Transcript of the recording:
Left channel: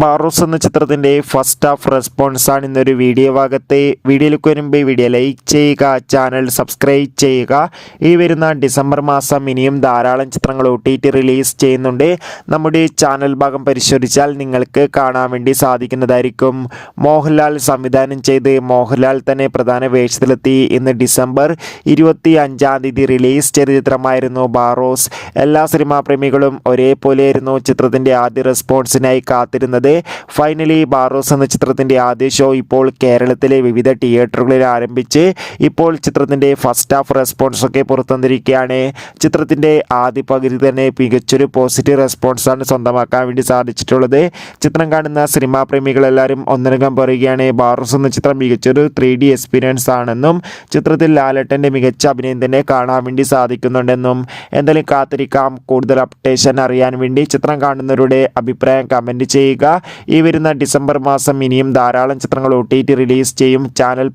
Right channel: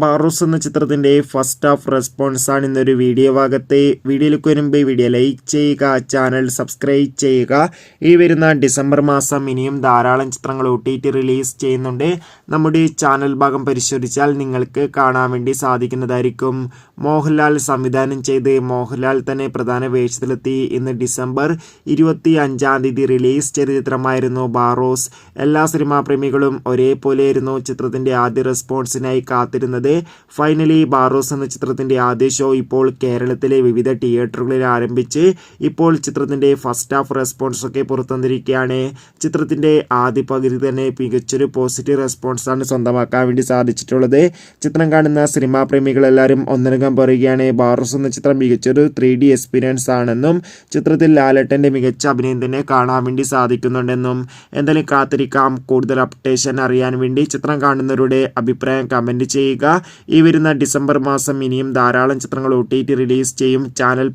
ബാറൂസ് എന്ന ചിത്രത്തിൻ്റെ first half റെസ്പോൺസാണ് ഇന്നൊരു വീഡിയോ ഭാഗത്തെ. വീഡിയോയിലേക്ക് വരുമ്പോൾ വീഡിയോ ലൈക്ക് ചെയ്യുക, ചാനൽ സബ്സ്ക്രൈബ് ചെയ്യുക. ഈ വരുന്ന ഡിസംബർ മാസം ഇനിയും ധാരാളം ചിത്രങ്ങൾ OTT റിലീസ് ചെയ്യുന്നുണ്ട്. നമ്മുടെ ചാനൽ ഭാഗം പരിശോധിച്ചാൽ നിങ്ങൾക്ക് കാണാൻ വേണ്ടി സാധിക്കുന്നതായിരിക്കും. മോഹൻലാൽ സംവിധാനം ചെയ്ത് മോഹൻലാൽ തന്നെ പ്രധാന വേഷത്തിലെത്തി ഇന്ന് ഡിസംബർ 25 റിലീസ് ചെയ്ത ചിത്രമായിരുന്നു ബാറൂസ്. എല്ലാ സിനിമാ പ്രേമികളും ഒരേപോലെയായിരുന്നു ചിത്രത്തിൻ്റെ ആദ്യ റെസ്പോൺസിനായി കാത്തിരുന്നത്. ഫൈനലി ബാറൂസ് എന്ന ചിത്രത്തിൻ്റെ ആദ്യ ഷോ ഇപ്പോൾ കേരളത്തിലെ വിവിധ തിയേറ്ററുകളിൽ ആരംഭിച്ച് ഇപ്പോൾ ചിത്രത്തിൻ്റെ ഫസ്റ്റ് ഹാഫ് റെസ്പോൺസ് ഒക്കെ പുറത്തുവന്നിരിക്കുകയാണ്. ചിത്രത്തിൻ്റെ ആദ്യ പകുതി തന്നെ മികച്ചൊരു പോസിറ്റീവ് റെസ്പോൺസാണ് സ്വന്തമാക്കാൻ വേണ്ടി സാധിച്ചിട്ടുള്ളത്. ചിത്രം കാണുന്ന സിനിമാ പ്രേമികളെല്ലാവരും ഒന്നടങ്കം പറയുകയാണ് ബാറൂസ് എന്ന ചിത്രം മികച്ചൊരു 3D എക്സ്പീരിയൻസ് ആണെന്നും ചിത്രത്തിൽ ലാലേട്ടൻ്റെ മികച്ച അഭിനയം തന്നെ കാണാൻ വേണ്ടി സാധിക്കുന്നുണ്ടെന്നും. എന്തായാലും കാത്തിരിക്കാം കൂടുതൽ അപ്ഡേഷൻ അറിയാൻ വേണ്ടി. ചിത്രം കാണുന്നവരുടെ അഭിപ്രായം കമൻറ്റ് ചെയ്യുക. ഈ വരുന്ന ഡിസംബർ മാസം ഇനിയും ധാരാളം ചിത്രങ്ങൾ OTT റിലീസ് ചെയ്യും. ചാനൽ